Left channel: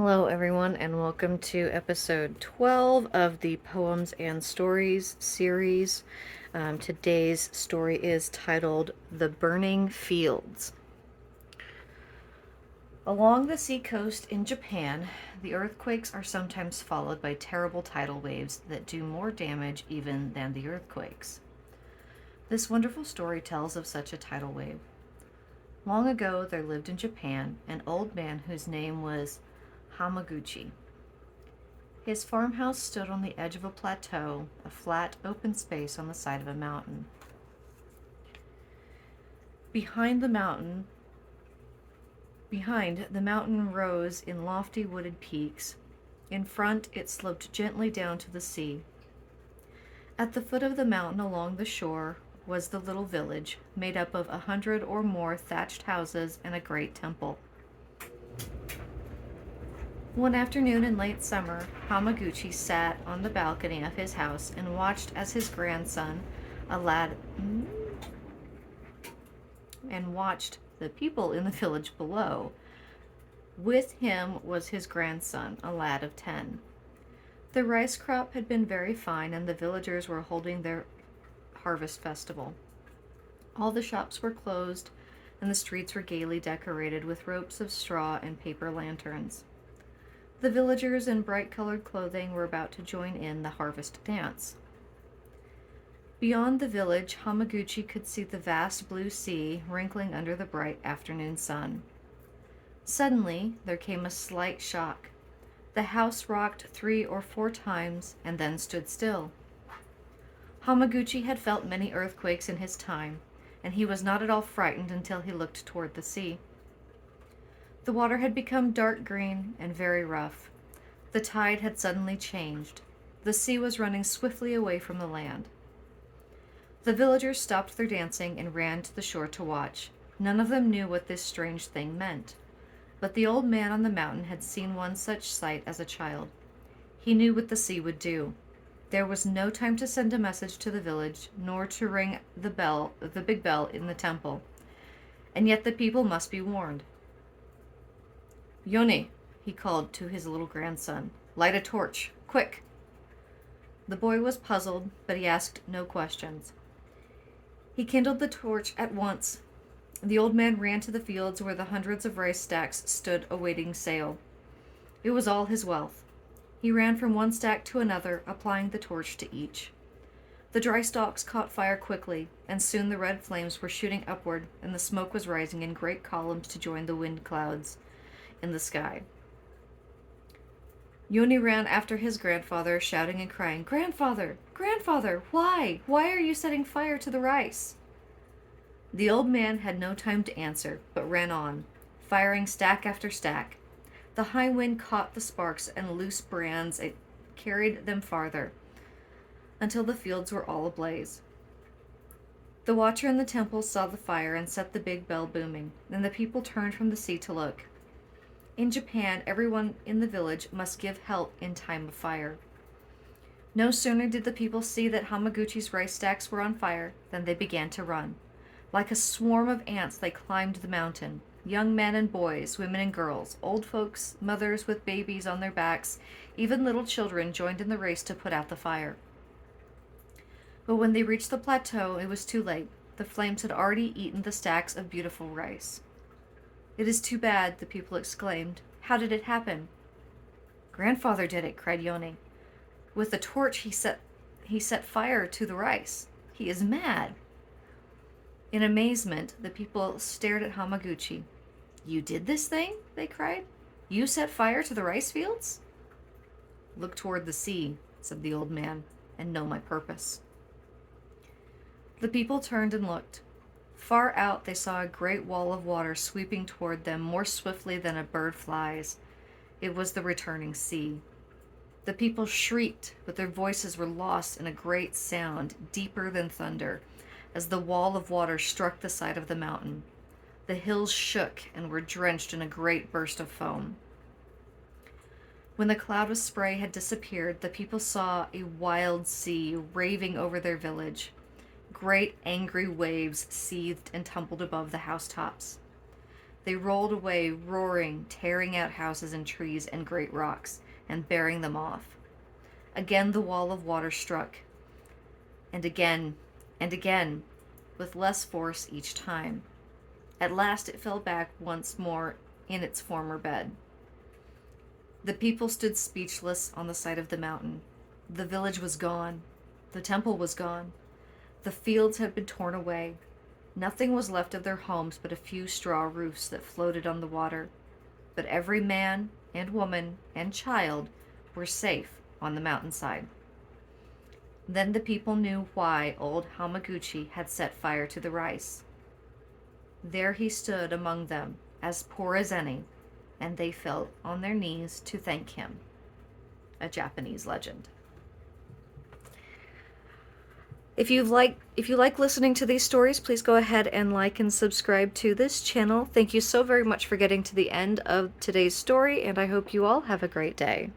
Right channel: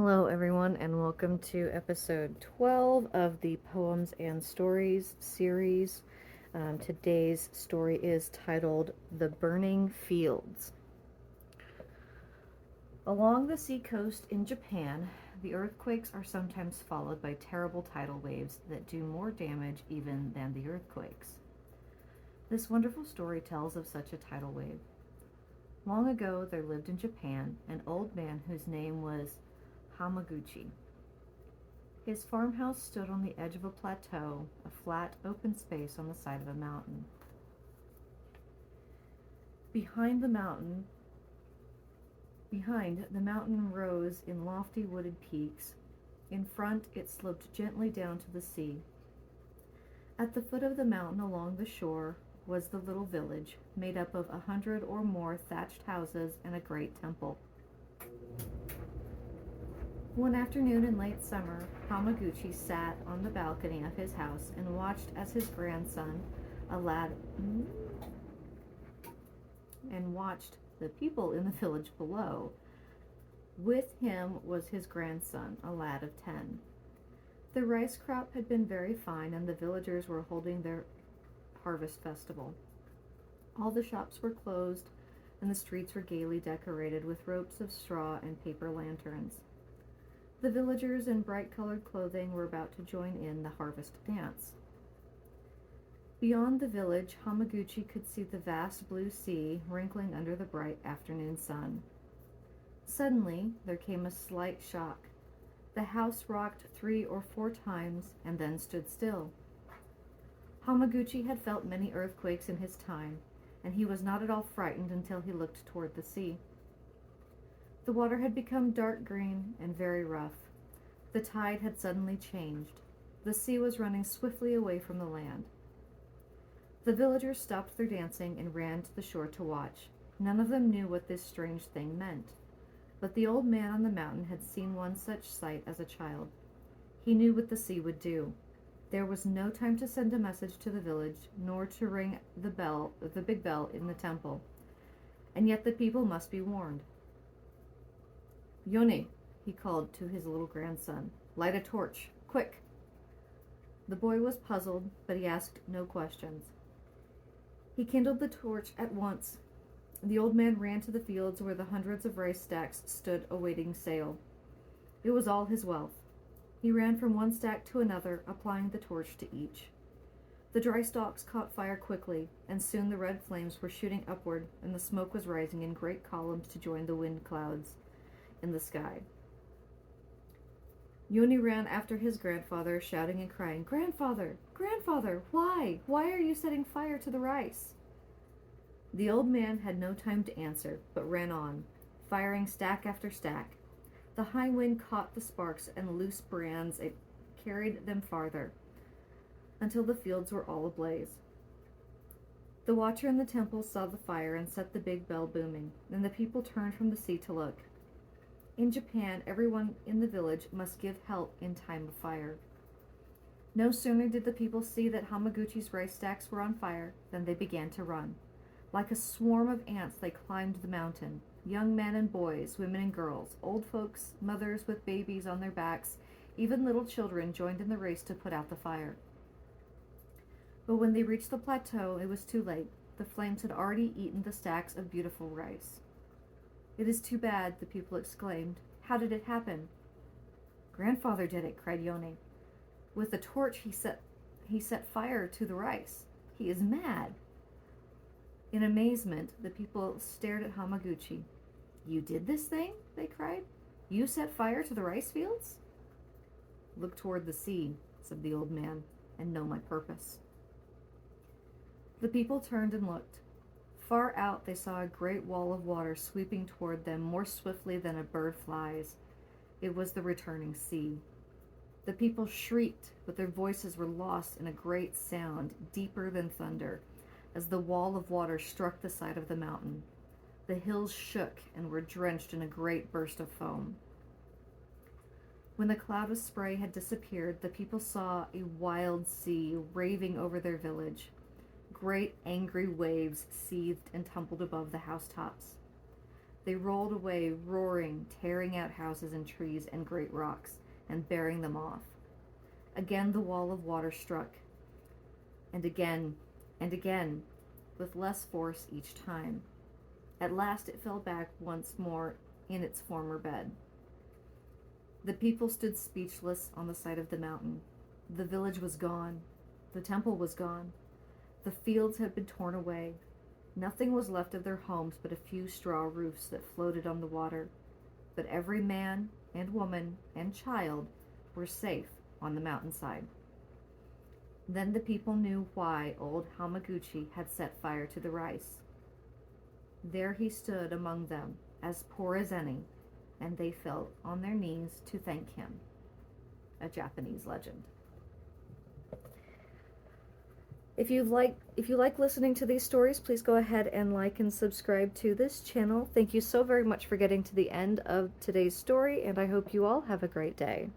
Hello, everyone, and welcome to episode 12 of the Poems and Stories series. Today's story is titled The Burning Fields. Along the seacoast in Japan, the earthquakes are sometimes followed by terrible tidal waves that do more damage even than the earthquakes. This wonderful story tells of such a tidal wave. Long ago, there lived in Japan an old man whose name was Hamaguchi. His farmhouse stood on the edge of a plateau, a flat, open space on the side of a mountain. Behind the mountain rose in lofty wooded peaks. In front, it sloped gently down to the sea. At the foot of the mountain along the shore was the little village, made up of 100 or more thatched houses and a great temple. One afternoon in late summer, Hamaguchi sat on the balcony of his house and watched as his grandson, a lad, and watched the people in the village below. With him was his grandson, a lad of 10. The rice crop had been very fine, and the villagers were holding their harvest festival. All the shops were closed, and the streets were gaily decorated with ropes of straw and paper lanterns. The villagers in bright-colored clothing were about to join in the harvest dance. Beyond the village, Hamaguchi could see the vast blue sea wrinkling under the bright afternoon sun. Suddenly, there came a slight shock. The house rocked 3 or 4 times and then stood still. Hamaguchi had felt many earthquakes in his time, and he was not at all frightened until he looked toward the sea. The water had become dark green and very rough. The tide had suddenly changed. The sea was running swiftly away from the land. The villagers stopped their dancing and ran to the shore to watch. None of them knew what this strange thing meant. But the old man on the mountain had seen one such sight as a child. He knew what the sea would do. There was no time to send a message to the village, nor to ring the big bell in the temple. And yet the people must be warned. Yoni, he called to his little grandson, light a torch, quick. The boy was puzzled, but he asked no questions. He kindled the torch at once. The old man ran to the fields where the hundreds of rice stacks stood awaiting sale. It was all his wealth. He ran from one stack to another, applying the torch to each. The dry stalks caught fire quickly, and soon the red flames were shooting upward, and the smoke was rising in great columns to join the wind clouds in the sky. Yoni ran after his grandfather, shouting and crying, "Grandfather! Grandfather! Why? Why are you setting fire to the rice?" The old man had no time to answer, but ran on, firing stack after stack. The high wind caught the sparks and loose brands. It carried them farther, until the fields were all ablaze. The watcher in the temple saw the fire and set the big bell booming, and the people turned from the sea to look. In Japan, everyone in the village must give help in time of fire. No sooner did the people see that Hamaguchi's rice stacks were on fire than they began to run. Like a swarm of ants, they climbed the mountain. Young men and boys, women and girls, old folks, mothers with babies on their backs, even little children joined in the race to put out the fire. But when they reached the plateau, it was too late. The flames had already eaten the stacks of beautiful rice. "It is too bad," the people exclaimed. "How did it happen?" "Grandfather did it," cried Yoni. "With a torch he set fire to the rice. He is mad." In amazement, the people stared at Hamaguchi. "You did this thing?" they cried. "You set fire to the rice fields?" "Look toward the sea," said the old man, "and know my purpose." The people turned and looked. Far out, they saw a great wall of water sweeping toward them more swiftly than a bird flies. It was the returning sea. The people shrieked, but their voices were lost in a great sound, deeper than thunder, as the wall of water struck the side of the mountain. The hills shook and were drenched in a great burst of foam. When the cloud of spray had disappeared, the people saw a wild sea raving over their village. Great angry waves seethed and tumbled above the housetops. They rolled away, roaring, tearing out houses and trees and great rocks, and bearing them off. Again the wall of water struck, and again, with less force each time. At last it fell back once more in its former bed. The people stood speechless on the side of the mountain. The village was gone. The temple was gone. The fields had been torn away. Nothing was left of their homes but a few straw roofs that floated on the water. But every man and woman and child were safe on the mountainside. Then the people knew why old Hamaguchi had set fire to the rice. There he stood among them, as poor as any, and they fell on their knees to thank him. A Japanese legend. If you like listening to these stories, please go ahead and like and subscribe to this channel. Thank you so very much for getting to the end of today's story, and I hope you all have a great day.